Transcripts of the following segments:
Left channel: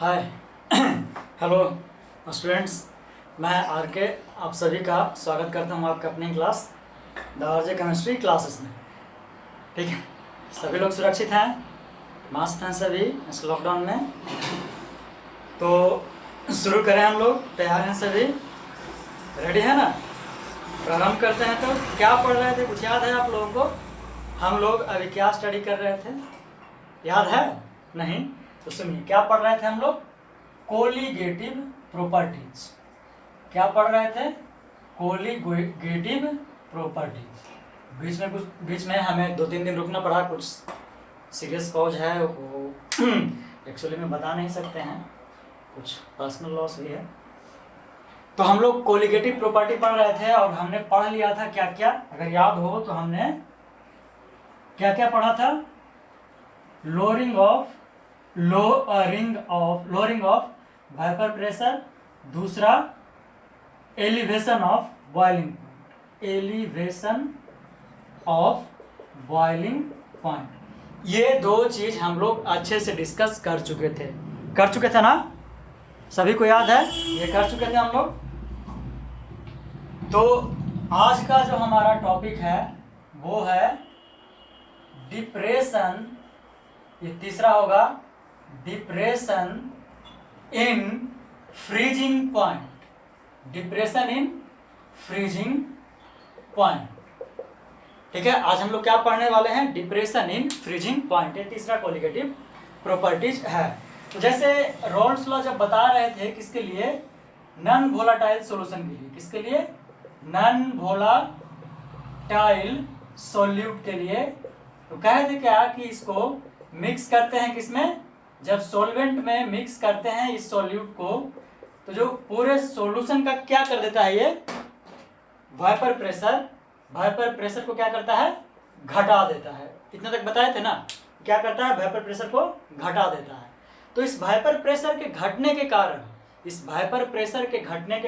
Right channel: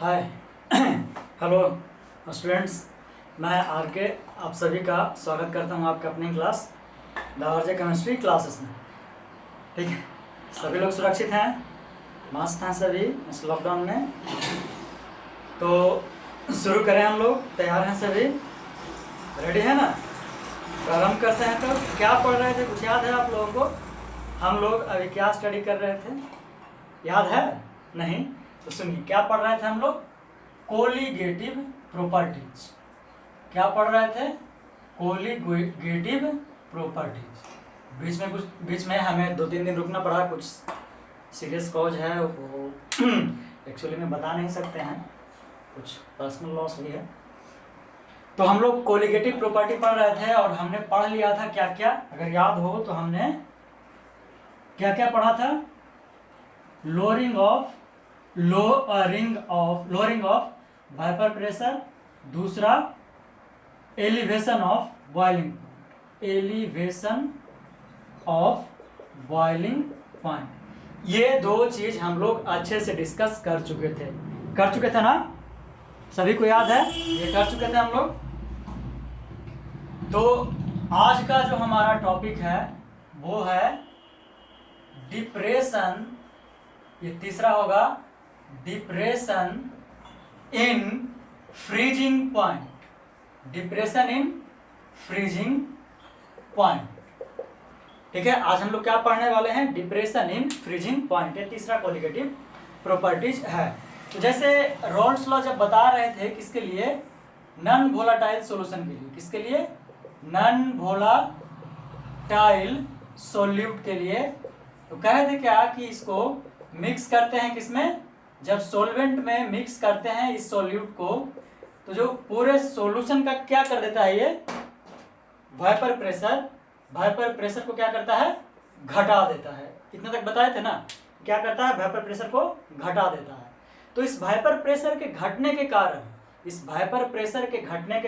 Hi hello students, मैं are के आप सभी का स्वागत करता हूँ आपके अपनी class the RJ chemistry classes में। ठीक है, सभी लोग सुरक्षित हैं, मस्त हैं सभी इस लॉकडाउन में। तो शुरू करें, हम लोग तैयार हैं सभी, रेडी है ना? प्रारंभ करते हैं। तो क्या पढ़ रहे थे, कुछ याद है आप लोगों को? हम लोग अभी क्या स्टडी कर रहे थे, याद है? नहीं तो सुनिए, क्या पढ़ रहे थे हम लोग? Colligative properties. क्या पढ़ रहे थे? Colligative properties. बीच में हमें 2-3 दिन रुकना पड़ा, कुछ सीरियस कॉज है वो एक्चुअली में बता नहीं सकते हैं, कुछ पर्सनल लॉस भी है। तो हम लोग कोलिगेटिव प्रॉपर्टी पढ़ रहे थे और हमने पढ़ लिया था क्या क्या, अगर याद हो तो हमने क्या क्या पढ़ा था? लोअरिंग ऑफ वेपर प्रेशर, दूसरा एलिवेशन ऑफ बॉइलिंग पॉइंट। ये दो चीज हम लोग अच्छे से डिस्कस कर चुके थे ना? सभी को याद है? ये कर चुके थे हम लोग। तो आज का जो हमारा टॉपिक है वो है डिप्रेशन। ये तीसरा होगा, depression in freezing point. Depression in freezing point. ठीक है, आज हम लोग क्या पढ़ने वाले हैं? Depression in freezing point. ये तीसरा कोलिगेटिव प्रॉपर्टीज है। तो जैसे रॉल्स लॉ जब बता रहे थे, किसके लिए? नॉन वोलाटाइल सॉल्यूशन के लिए। किसके लिए? नॉन वोलाटाइल सॉल्यूट के लिए। तो कहे थे क्या कि इसको मिक्स करते हैं किसमें? जब सॉल्वेंट में मिक्स करते हैं इस सॉल्यूट को, तो जो पूरे सॉल्यूशन का क्या कर देता है, ये वाइपर प्रेशर को क्या करता है? घटा देता है। इतने तक बताए थे ना? क्या करता है? वाइपर प्रेशर को घटा देता है। तो इस वाइपर प्रेशर के घटने के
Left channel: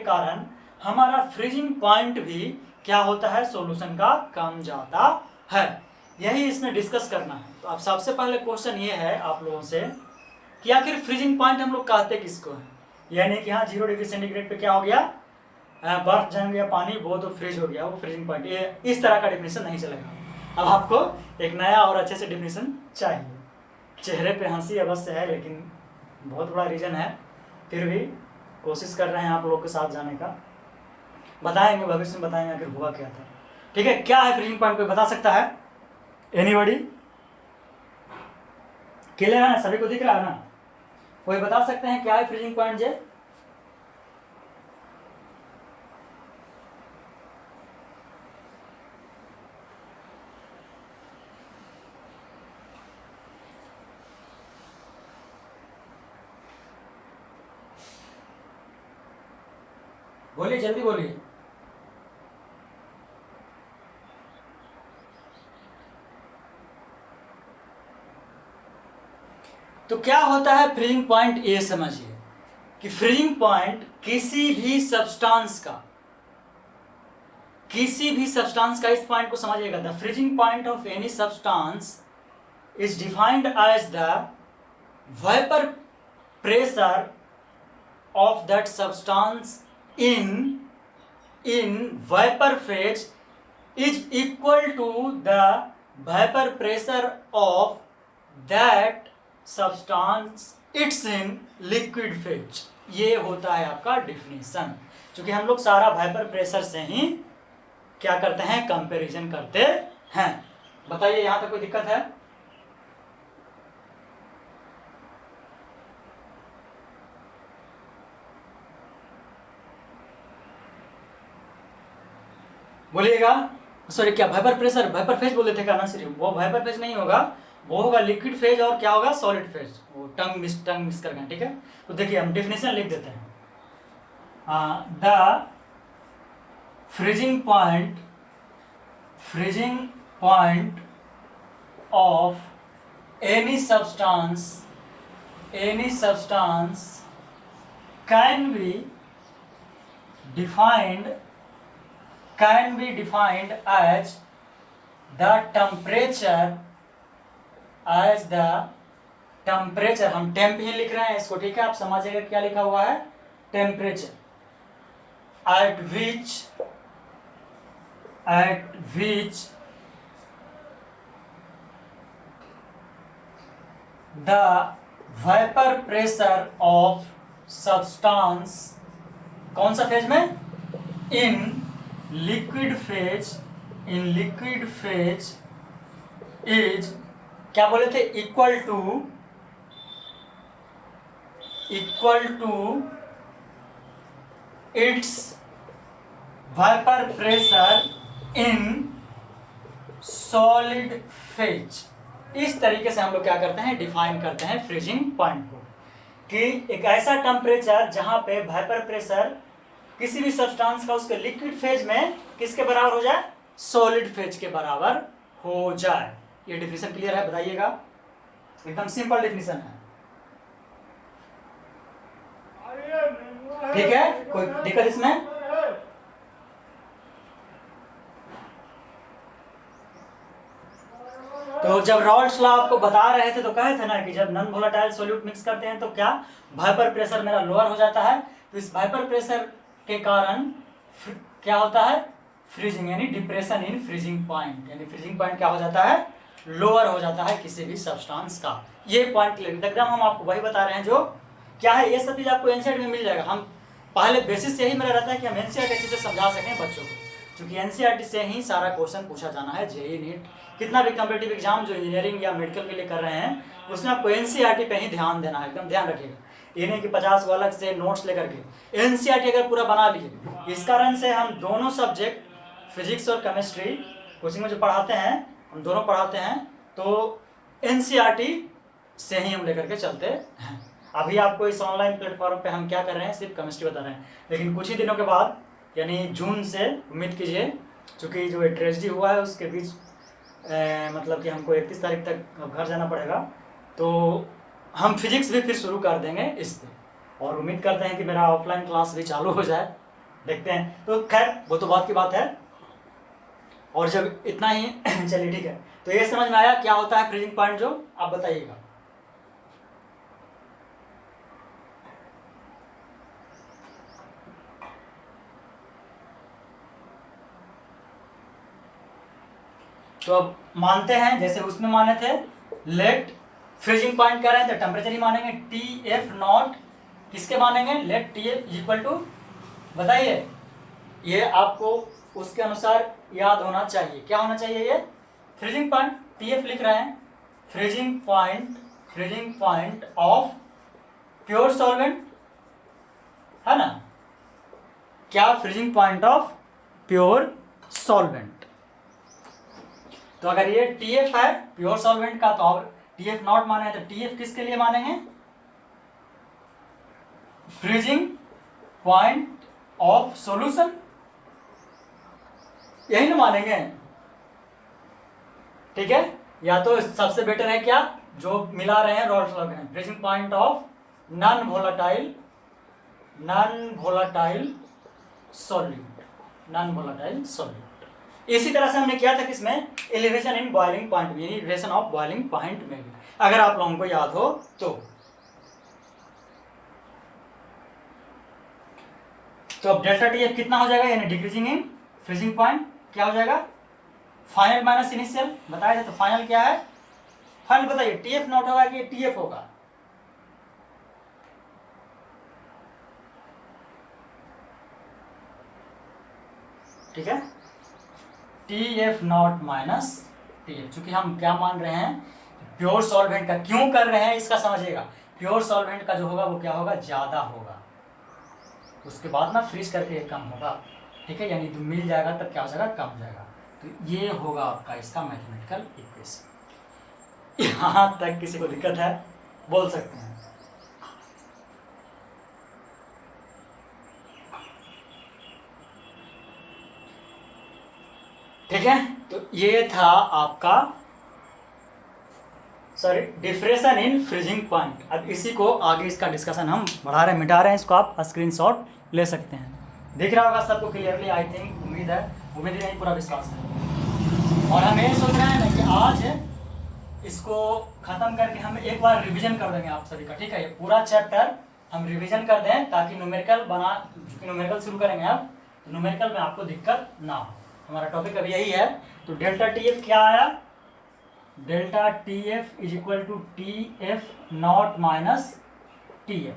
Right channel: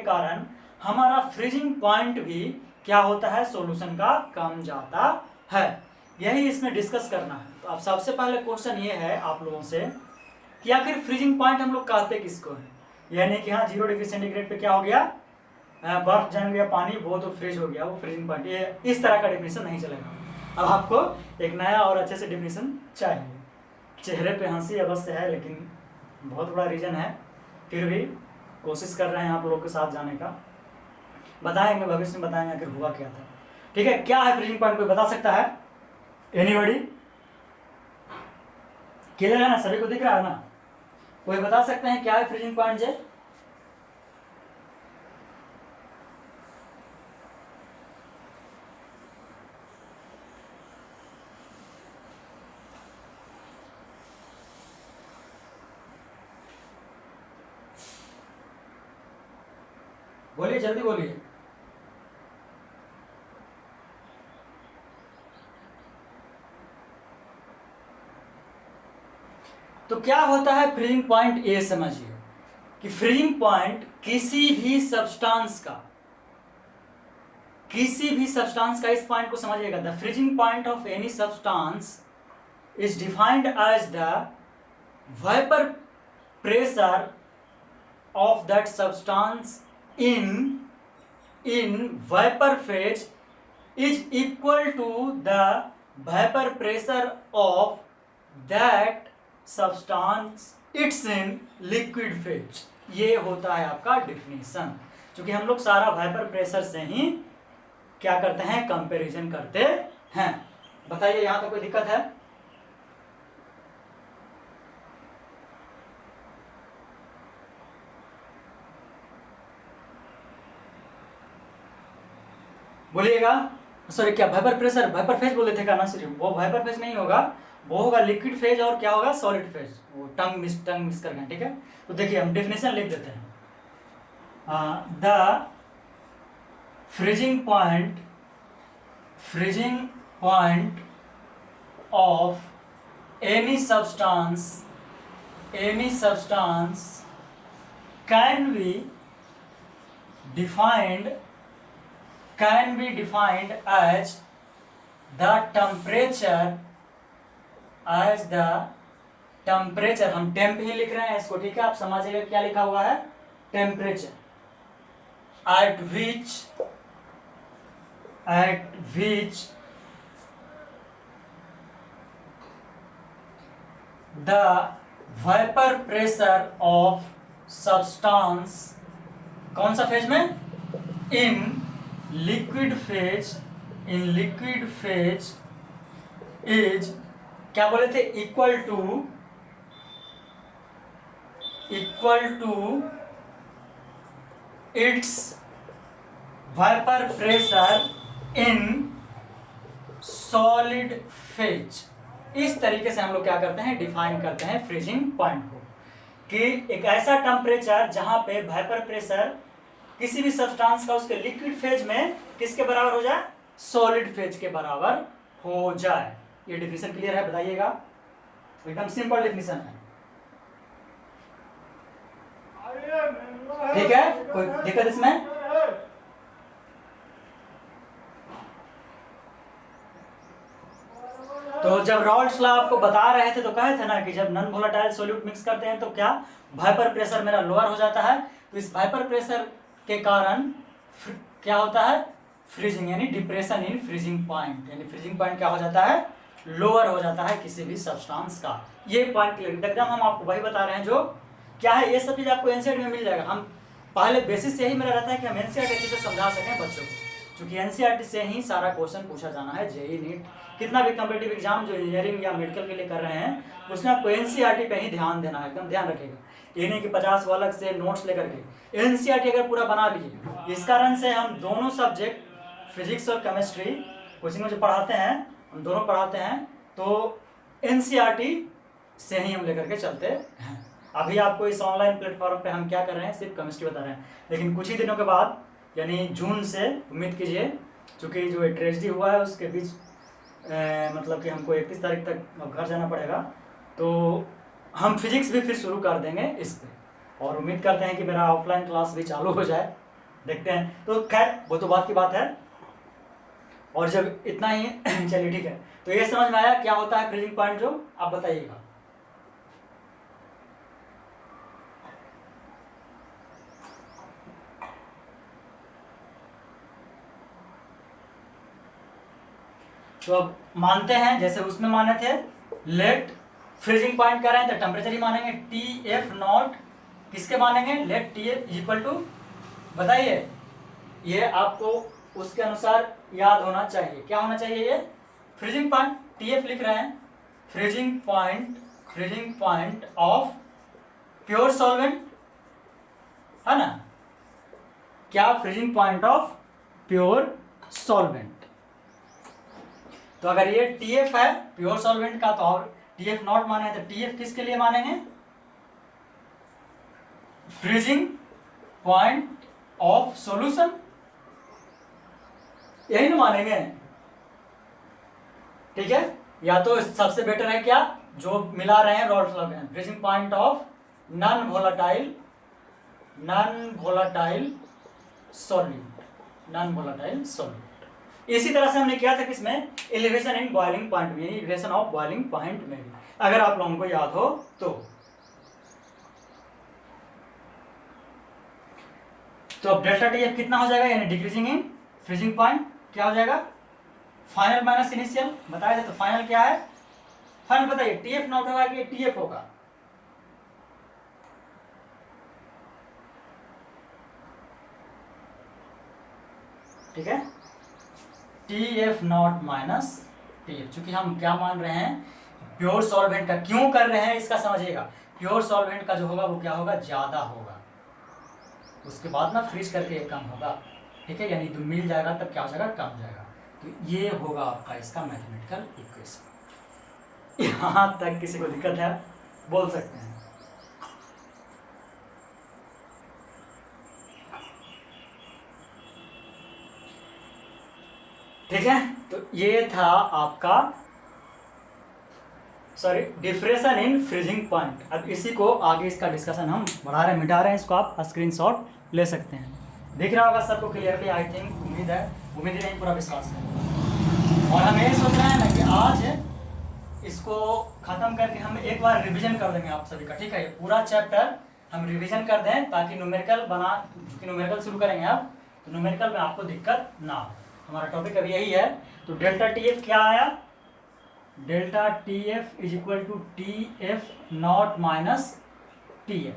कारण हमारा फ्रीजिंग पॉइंट भी क्या होता है? सॉल्यूशन का कम जाता है। यही इसमें डिस्कस करना है। तो अब सबसे पहले क्वेश्चन ये है आप लोगों से कि आखिर फ्रीजिंग पॉइंट हम लोग कहते किसको है? यह नहीं कि हाँ 0 डिग्री सेंटीग्रेड पे क्या हो गया, बर्फ जम गया, पानी वो तो फ्रीज हो गया, वो फ्रीजिंग पॉइंट। ये इस तरह का डेफिनेशन नहीं चलेगा। अब आपको एक नया और अच्छे से डेफिनेशन चाहिए। चेहरे पे हंसी अवश्य है, लेकिन बहुत बड़ा रीजन है, फिर भी कोशिश कर रहे हैं आप लोग के साथ जाने का। बताएंगे, भविष्य में बताएंगे आखिर हुआ क्या था। ठीक है, क्या है फ्रीजिंग पॉइंट? कोई बता सकता है? एनीबॉडी? क्लियर है ना? सभी को दिख रहा है ना? कोई बता सकते हैं क्या है फ्रीजिंग पॉइंट? जे बोलिए, जल्दी बोलिए। तो क्या होता है फ्रीजिंग पॉइंट? ये समझिए कि फ्रीजिंग पॉइंट किसी भी सब्सटेंस का, इस पॉइंट को समझिएगा। The freezing point of any substance is defined as the vapour pressure of that substance in vapor phase is equal to the vapor pressure of that substance it's in liquid phase। ये होता है आपका definition. क्योंकि हम लोग सारा vapour pressure से ही क्या करते हैं? कंपैरिजन करते हैं। बताइए, यहां तक कोई दिक्कत है? बोलिएगा। सॉरी, क्या वेपर फेज बोले थे क्या ना? सिर्फ वो वेपर फेज नहीं होगा, वो होगा लिक्विड फेज और क्या होगा? Solid phase. वो टंग मिस करके। ठीक है, तो देखिए हम डेफिनेशन लिख देते हैं। The freezing point of any substance can be defined as the temperature temperature, हम टेम्प ही लिख रहे हैं इसको, ठीक है, आप समझिएगा क्या लिखा हुआ है, temperature at which the vapor pressure of substance, कौन सा फेज में, in liquid phase is, क्या बोले थे, equal to its vapour pressure in solid phase. इस तरीके से हम लोग क्या करते हैं, डिफाइन करते हैं फ्रीजिंग पॉइंट को, कि एक ऐसा टेम्परेचर जहां पे वाइपर प्रेशर किसी भी सब्सटेंस का उसके लिक्विड फेज में किसके बराबर हो जाए, सॉलिड फेज के बराबर हो जाए। ये डिफिनेशन क्लियर है, बताइएगा, एकदम सिंपल डिफिनेशन है, ठीक है, कोई दिक्कत इसमें? तो जब रॉल्स लॉ आपको बता रहे थे तो कहे थे ना कि जब नॉन वोलेटाइल सॉल्यूट मिक्स करते हैं तो क्या वाइपर प्रेशर मेरा लोअर हो जाता है, तो इस वाइपर प्रेशर के कारण क्या होता है, फ्रीजिंग, यानी डिप्रेशन इन फ्रीजिंग पॉइंट, यानी फ्रीजिंग पॉइंट क्या हो जाता है, लोअर हो जाता है किसी भी सब्सटेंस का। ये पॉइंट क्लियर, एकदम हम आपको वही बता रहे हैं जो क्या है, ये सब चीज़ आपको एनसीईआरटी में मिल जाएगा। हम पहले बेसिस यही मेरा रहता है कि हम एनसीईआरटी अच्छे से समझा सकें बच्चों को, क्योंकि एनसीईआरटी से ही सारा क्वेश्चन पूछा जाना है। जेईई नीट कितना भी कॉम्पिटिटिव एग्जाम जो इंजीनियरिंग या मेडिकल के लिए कर रहे हैं उसमें आपको एनसीईआरटी पे ही ध्यान देना है, एकदम ध्यान रखिएगा। ये नहीं कि 50 अलग से नोट्स लेकर के, एनसीईआरटी अगर पूरा बना लिए। इस कारण से हम दोनों सब्जेक्ट फिजिक्स और केमिस्ट्री कोचिंग में जो पढ़ाते हैं, हम दोनों पढ़ाते हैं, तो एनसीईआरटी से ही हम लेकर के चलते हैं। अभी आपको इस ऑनलाइन प्लेटफॉर्म पे हम क्या कर रहे हैं, सिर्फ केमिस्ट्री बता रहे हैं, लेकिन कुछ ही दिनों के बाद यानी जून से उम्मीद कीजिए, चूँकि जो ट्रेजेडी हुआ है उसके बीच मतलब कि हमको 31 तारीख तक घर जाना पड़ेगा, तो हम फिजिक्स भी फिर शुरू कर देंगे इस पर, और उम्मीद करते हैं कि मेरा ऑफलाइन क्लास भी चालू हो जाए, देखते हैं। तो खैर वो तो बात की बात है, और जब इतना ही चलिए ठीक है, तो ये समझ में आया क्या होता है फ्रीजिंग पॉइंट, जो आप बताइएगा। तो अब मानते हैं जैसे उसमें माने थे, लेट फ्रीजिंग पॉइंट कर रहे हैं तो टेम्परेचर ही मानेंगे, टी एफ नॉट किसके मानेंगे, let T F equal to, बताइए, ये आपको उसके अनुसार याद होना चाहिए, क्या होना चाहिए, ये फ्रीजिंग पॉइंट टी एफ लिख रहे हैं, freezing point of pure solvent, है ना, क्या freezing point of pure solvent. तो अगर ये TF है प्योर सॉल्वेंट का, तो और TF नॉट माने तो TF किसके लिए मानेंगे, फ्रीजिंग पॉइंट ऑफ सॉल्यूशन, यही ना मानेंगे, ठीक है। या तो सबसे बेटर है क्या, जो मिला रहे हैं रॉल्स लॉ में, freezing point of non volatile solute. इसी तरह से हमने किया था किसमें, एलिवेशन इन बॉइलिंग पॉइंट में, यानी एलिवेशन ऑफ बॉइलिंग पॉइंट में, अगर आप लोगों को याद हो तो अब डेल्टा टी एफ कितना हो जाएगा, यानी डिक्रीजिंग इन फ्रीजिंग पॉइंट क्या हो जाएगा, फाइनल माइनस इनिशियल, बताया था। तो फाइनल क्या है, फाइनल बताइए, टी एफ नॉट होगा कि टी एफ होगा, ठीक है, T F naught minus T F, चूंकि हम क्या मान रहे हैं, प्योर सॉल्वेंट का, क्यों कर रहे हैं इसका समझिएगा, प्योर सॉल्वेंट का जो होगा वो क्या होगा, ज़्यादा होगा, उसके बाद ना फ्रीज करके ये कम होगा, ठीक है, यानी तो मिल जाएगा तब क्या हो जाएगा, कम हो जाएगा। तो ये होगा आपका इसका मैथमेटिकल इक्वेशन। यहाँ तक किसी को दिक्कत है बोल सकते हैं। ठीक है, तो ये था आपका डिफ्रेशन इन फ्रीजिंग पॉइंट। अब इसी को आगे इसका डिस्कशन हम बढ़ा रहे हैं, मिटा रहे हैं, इसको आप स्क्रीनशॉट ले सकते हैं। दिख रहा होगा सबको क्लियरली, आई थिंक, उम्मीद है, उम्मीद नहीं पूरा विश्वास है। और हम ये सोच रहे हैं ना कि आज इसको खत्म करके हम एक बार रिवीजन कर देंगे आप सभी का, ठीक है। ये पूरा चैप्टर हम रिवीजन कर दें ताकि न्यूमेरिकल शुरू करेंगे अब, तो न्यूमेरिकल में आपको दिक्कत ना हो। हमारा टॉपिक अभी यही है। तो डेल्टा टी एफ क्या आया, delta T F is equal to T F naught minus T F.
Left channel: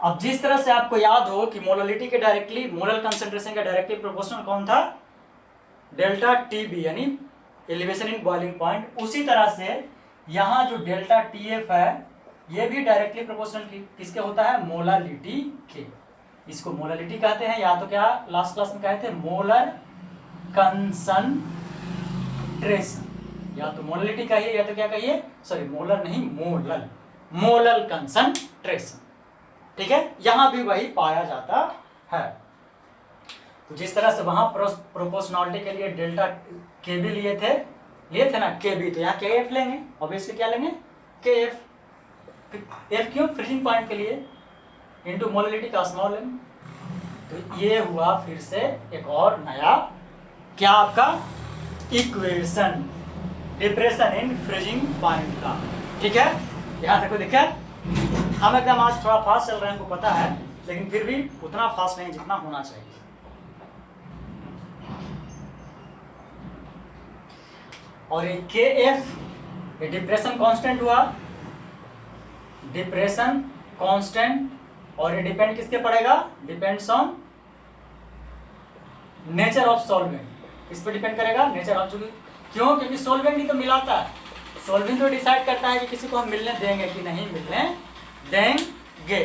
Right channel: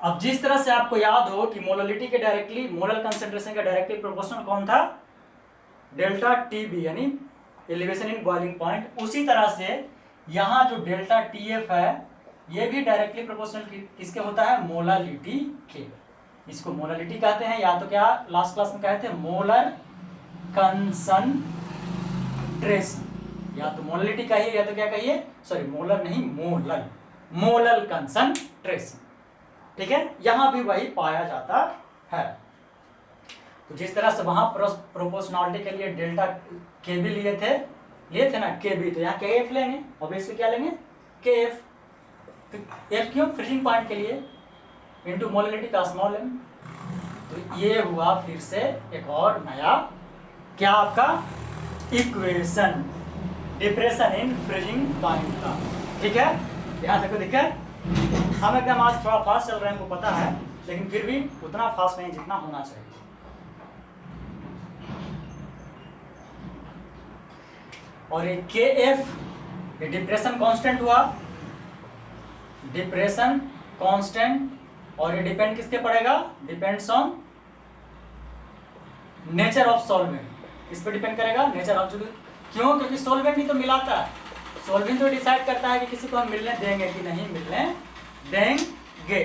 अब जिस तरह से आपको याद हो कि मोललिटी के डायरेक्टली, मोलर कंसेंट्रेशन का डायरेक्टली प्रोपोर्शनल कौन था, डेल्टा टी बी यानी एलिवेशन इन बॉइलिंग पॉइंट, उसी तरह से यहाँ जो डेल्टा टी एफ है ये भी डायरेक्टली प्रोपोर्शनल किसके होता है, मोललिटी के। इसको मोललिटी कहते हैं, या तो क्या लास्ट क्लास में कहते हैं मोलर कंसंट्रेशन, या तो मोललिटी कहिए या तो क्या कहिए, सॉरी मोलर नहीं मोलर कंसंट्रेशन, ठीक है। यहां भी वही पाया जाता है। तो जिस तरह से वहां प्रोपोर्शनलिटी के लिए डेल्टा के भी लिए थे ना के बी, तो यहाँ के एफ लेंगे, ऑब्वियसली क्या लेंगे के एफ। एफ क्यों, फ्रीजिंग पॉइंट के लिए, इनटू मोललिटी का स्मॉल एम। तो ये हुआ फिर से एक और नया क्या आपका equation, depression in freezing point का, ठीक है। यहाँ देखो देखिए, हम एकदम आज थोड़ा फास्ट चल रहे हैं, हमको पता है, लेकिन फिर भी उतना फास्ट नहीं जितना होना चाहिए। और ये के एफ ये डिप्रेशन कांस्टेंट हुआ, डिप्रेशन कांस्टेंट, और ये डिपेंड किसके पड़ेगा, depends on nature of solvent. इस पे डिपेंड करेगा नेचर ऑफ, क्यों, क्योंकि सॉल्वेंट ही तो मिलाता है, सॉल्वेंट तो डिसाइड करता है कि किसी को हम मिलने देंगे कि नहीं मिलने देंगे।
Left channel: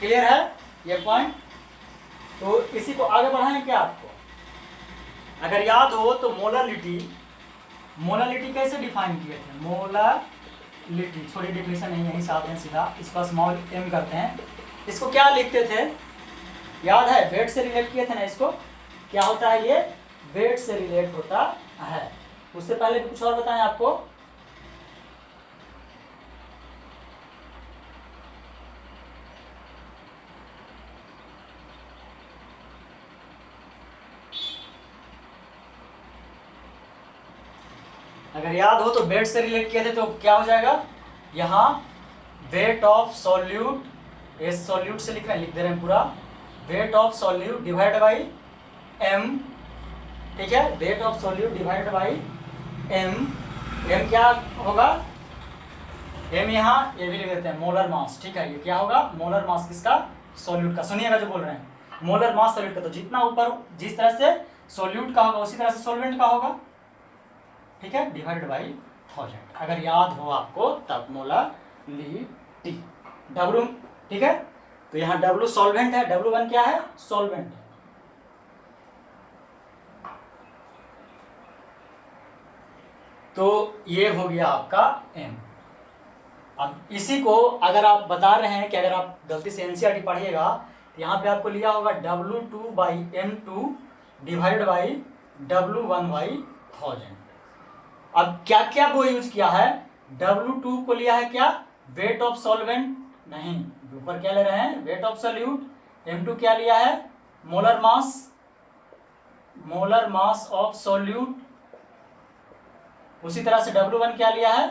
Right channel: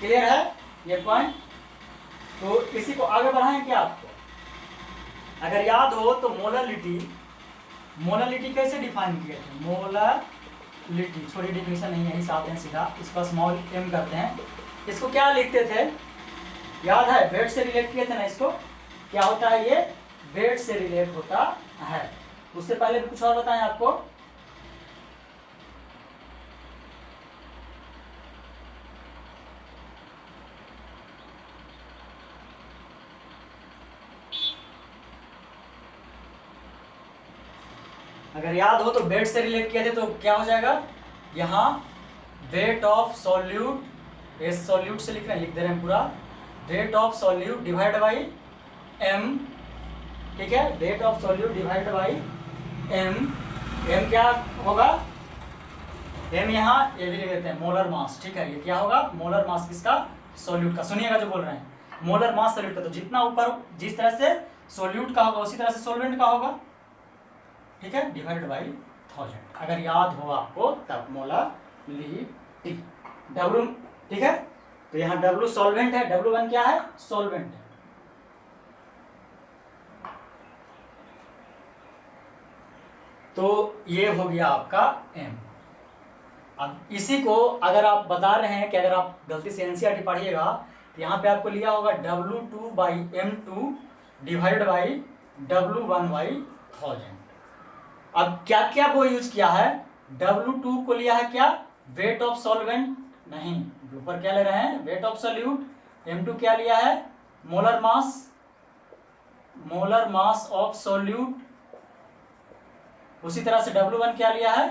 क्लियर है ये पॉइंट। तो इसी को आगे बढ़ाएं क्या आपको, अगर याद हो तो मोललिटी कैसे डिफाइन किए थे, मोललिटी, छोटी डिफिनेशन नहीं है, साथ हैं सीधा, इसका स्मॉल एम करते हैं। इसको क्या लिखते थे, याद है, वेट से रिलेट किए थे ना इसको, क्या होता है ये, वेट से रिलेट होता है। उससे पहले भी कुछ और बताएं आपको, अगर याद हो तो वेट से रिलेट किए थे तो क्या हो जाएगा, यहाँ weight of solute, S solute से लिख दे रहे हैं पूरा, weight of solute divide by M, ठीक है, weight of solute divide by M. M क्या होगा, एम यहाँ ये भी लिख देते हैं मोलर मास, ठीक है। ये क्या होगा, मोलर मास किसका, सॉल्यूट का। सुनिएगा जो बोल रहे हैं, मोलर मास सॉल्यूट का, तो जितना ऊपर जिस तरह से सॉल्यूट का होगा उसी तरह से सॉल्वेंट का होगा, ठीक है, डिवाइडेड बाई 1000। अगर याद हो आपको तब मोललिटी W, ठीक है। तो यहाँ W सॉल्वेंट है, W1 क्या है, सॉल्वेंट है। तो ये हो गया आपका M। अब इसी को अगर आप बता रहे हैं कि अगर आप गलती से एनसीईआरटी पढ़िएगा तो यहाँ पे आपको लिया होगा W2/M2 डिवाइड बाई W1/1000। अब क्या क्या वो यूज किया है, W2 को लिया है क्या, वेट ऑफ सॉल्वेंट, नहीं, ऊपर क्या ले रहे हैं, वेट ऑफ सॉल्यूट। M2 क्या लिया है, मोलर मास ऑफ सॉल्यूट। उसी तरह से W1 क्या लिया है,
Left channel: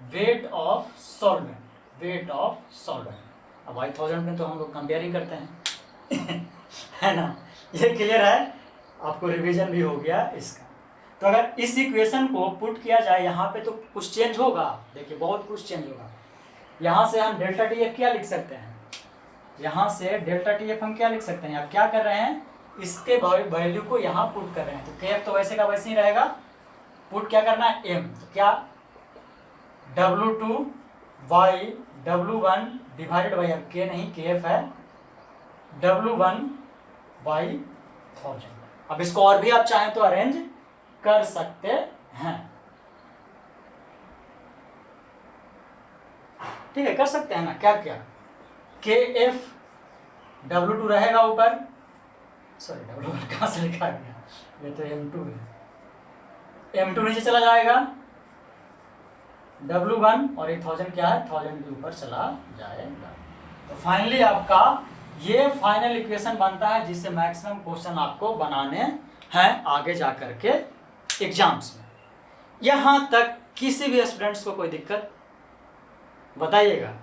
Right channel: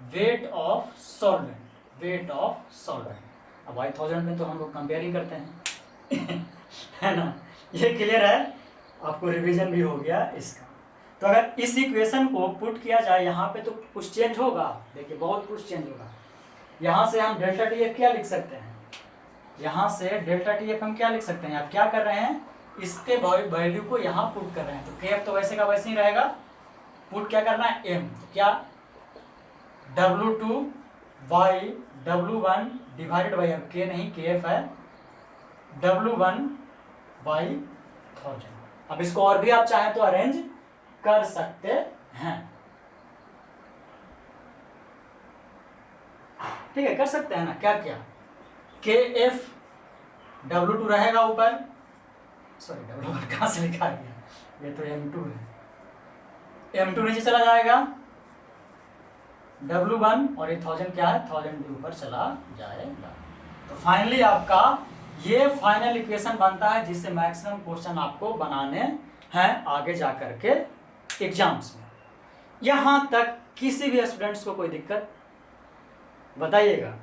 वेट ऑफ सॉल्वेंट। अब 1000 में तो हम लोग कंपेयरिंग करते हैं है ना, ये क्लियर है, आपको रिवीजन भी हो गया इसका। तो अगर इस इक्वेशन को पुट किया जाए यहाँ पे तो कुछ चेंज होगा, देखिए बहुत कुछ चेंज होगा। यहाँ से हम डेल्टा टी एफ क्या लिख सकते हैं, यहाँ से डेल्टा टी एफ हम क्या लिख सकते हैं, आप क्या कर रहे हैं, इसके वैल्यू को यहाँ पुट कर रहे हैं। तो के एफ तो वैसे का वैसे ही रहेगा, पुट क्या करना है, एम, तो क्या W2/W1 डिवाइडेड बाई, अब के नहीं के एफ है, W1/1000। अब इसको और भी आप चाहें तो अरेंज कर सकते हैं, ठीक है, कर सकते हैं ना, क्या क्या, के एफ W2 रहेगा ऊपर, सॉरी W1 कहाँ से लिखा गया, ये तो M2 है, M2 नीचे चला जाएगा, W1 और ये 1000 क्या है, 1000 भी ऊपर चला जाएगा। तो फाइनली आपका ये फाइनल इक्वेशन बनता है जिससे मैक्सिमम क्वेश्चन आपको बनाने हैं आगे जा करके एग्जाम्स में। यहाँ तक किसी भी स्टूडेंट्स को कोई दिक्कत बताइएगा।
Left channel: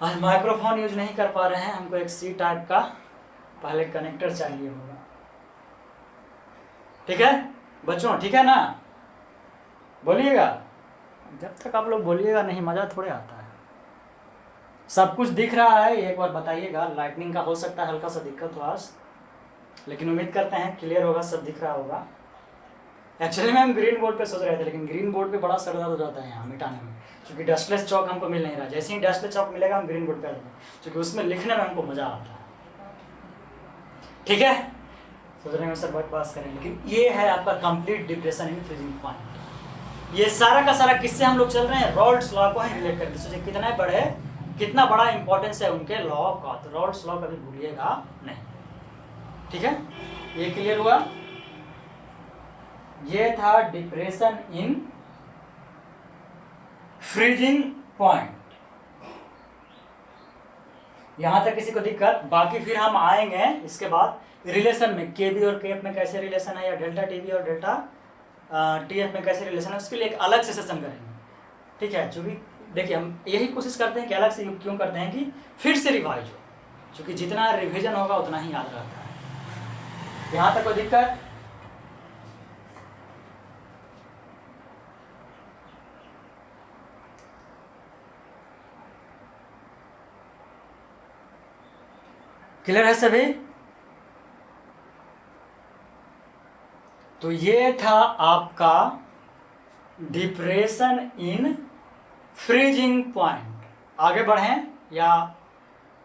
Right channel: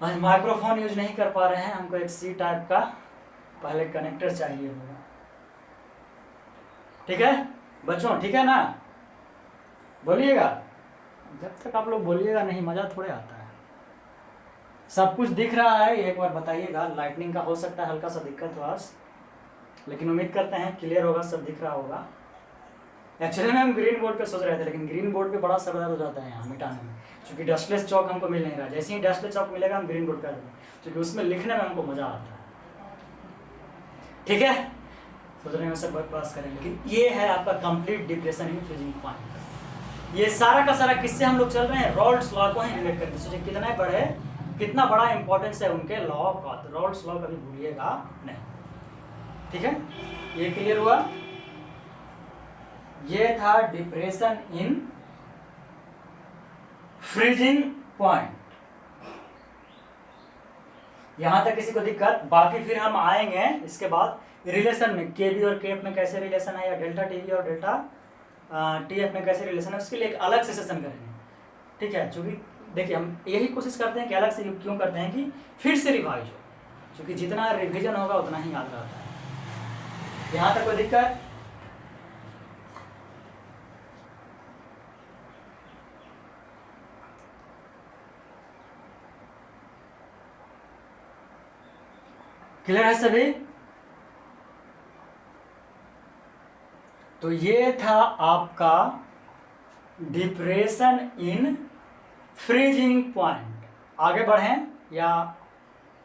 आज माइक्रोफोन यूज नहीं कर पा रहे हैं, हमको एक सी टाइप का पहले कनेक्टर चाहिए होगा। ठीक है बच्चों, ठीक है ना? बोलिएगा, जब तक आप लोग बोलिएगा नहीं मज़ा थोड़े आता है। सब कुछ दिख रहा है, एक बार बताइएगा। लाइटनिंग का हो सकता है हल्का सा दिक्कत हो आज, लेकिन उम्मीद करते हैं क्लियर होगा, सब दिख रहा होगा। एक्चुअली में हम ग्रीन बोर्ड पे सोच रहे थे, लेकिन ग्रीन बोर्ड पे बड़ा सर दर्द हो जाता है यहाँ मिटाने में, क्योंकि डस्टलेस चौक हमको मिल नहीं रहा। जैसे ही डस्टलेस चौक मिलेगा हम ग्रीन बोर्ड पे आ जाएंगे, क्योंकि उसमें लिखने में हमको मज़ा आता है। ठीक है, सोच रहे हैं सब बकवास करें, लेकिन ये है आपका complete depression in freezing point. ये सारा का सारा किससे हम लोग चल रहे हैं? रॉल्ड्स लॉ को ही रिलेट करके। सोचिए कितना बड़ा इंपॉर्टेंस है उनके लॉ का, तो रॉल्ड्स लॉ कभी भूलिएगा नहीं। ठीक है, ये क्लियर हुआ? ये था डिप्रेशन इन फ्रीजिंग पॉइंट। यहां तक किसी को दिक्कत? बाकी फिर हम आएंगे इसके बाद रिलेशन में, केबी और केएफ में कैसे रिलेशन है, या डेल्टा टीबी और डेल्टा टीएफ में कैसे रिलेशन है, उसके लिए एक अलग से सेशन करेंगे। ठीक है, क्योंकि देखिए हम यही कोशिश करते हैं कि अलग से क्यों करते हैं कि फिर से रिवाइज हो, क्योंकि जितना रिवीजन होगा उतना ही याद रहता है। यहाँ तक कोई दिक्कत? क्लियर है सभी? तो ये था आपका डिप्रेशन इन फ्रीजिंग पॉइंट। आगे बढ़ें या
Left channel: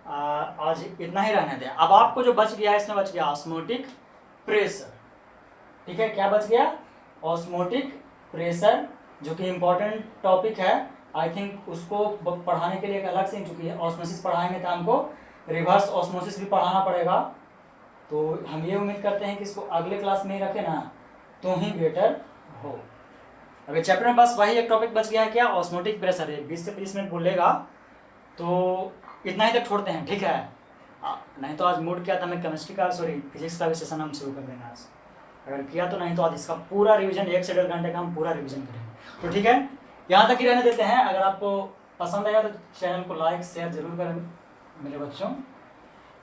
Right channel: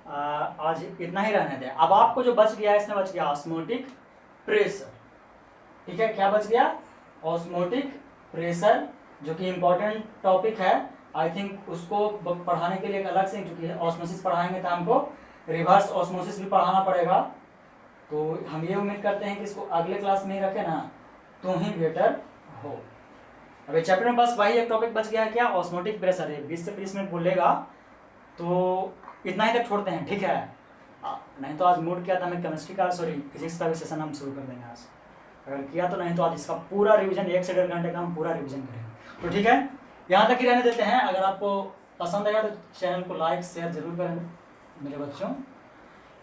आज इतना ही रहने दें? अब आपको जो बच गया है, इसमें बच गया ऑस्मोटिक प्रेशर। ठीक है, क्या बच गया? ऑस्मोटिक प्रेशर, जो कि इम्पोर्टेंट टॉपिक है। आई थिंक उसको पढ़ाने के लिए एक अलग से, चूंकि ऑस्मोसिस पढ़ाएंगे तो हमको रिवर्स ऑस्मोसिस भी पढ़ाना पड़ेगा। तो हम ये उम्मीद करते हैं कि इसको अगले क्लास में ही रखें ना, तो ही बेटर हो। अभी चैप्टर में बस वही एक टॉपिक बच गया है, क्या? ऑस्मोटिक प्रेशर है। 20 से 30 मिनट बोलेगा तो इतना ही तक छोड़ते हैं। ठीक है, नहीं तो आज मूड किया था मैं केमिस्ट्री का, फिजिक्स का भी सेशन हम शुरू कर देंगे आज। अगर किया तो, नहीं तो आज इसका पूरा रिवीजन 1 से 1.5 घंटे का हम पूरा रिवीजन करेंगे। तो ठीक है, यहाँ तक ही रहने देते हैं। अगर आपको पसंद आया तो चैनल को लाइक शेयर जरूर करें मेरे बच्चों,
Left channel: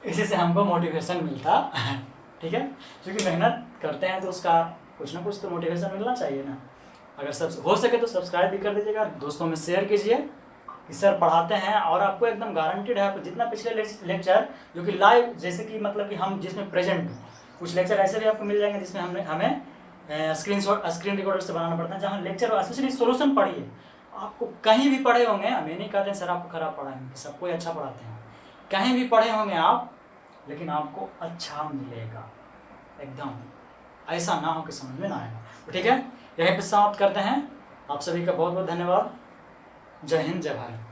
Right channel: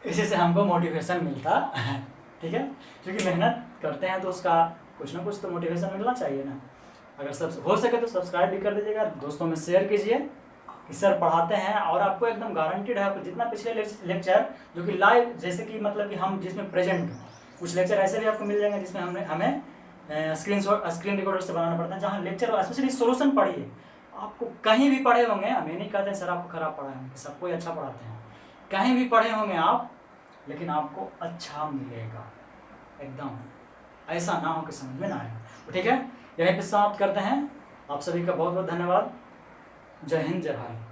इसी से हमको मोटिवेशन मिलता है। ठीक है, क्योंकि मेहनत करते हैं तो उसका कुछ ना कुछ तो मोटिवेशन मिलना चाहिए ना। अगर सब हो सके तो सब्सक्राइब भी कर दीजिएगा, दोस्तों में शेयर कीजिए कि सर पढ़ाते हैं। और आपको एकदम गारंटीड है, आपको जितना पिछले लेक्चर जो कि लाइव, जैसे कि मतलब कि हम जिसमें प्रेजेंट, कुछ लेक्चर ऐसे भी आपको मिल जाएंगे जिसमें हमें स्क्रीन रिकॉर्डर से बनाना पड़ता है, जहाँ लेक्चर स्पेशली सोल्यूशन पढ़िए। आपको कहीं भी पढ़े होंगे, हम ये नहीं कहते हैं सर आपको खराब पढ़ाएंगे, सबको अच्छा पढ़ाते हैं। कहीं भी पढ़े होंगे आप, लेकिन आपको अच्छा मिलेगा एकदम, ऐसा ना हो कि समझ में ना आए। तो ठीक है, यहीं पे समाप्त करते हैं। आप सभी का बहुत बहुत धन्यवाद। जय हिंद, जय भारत।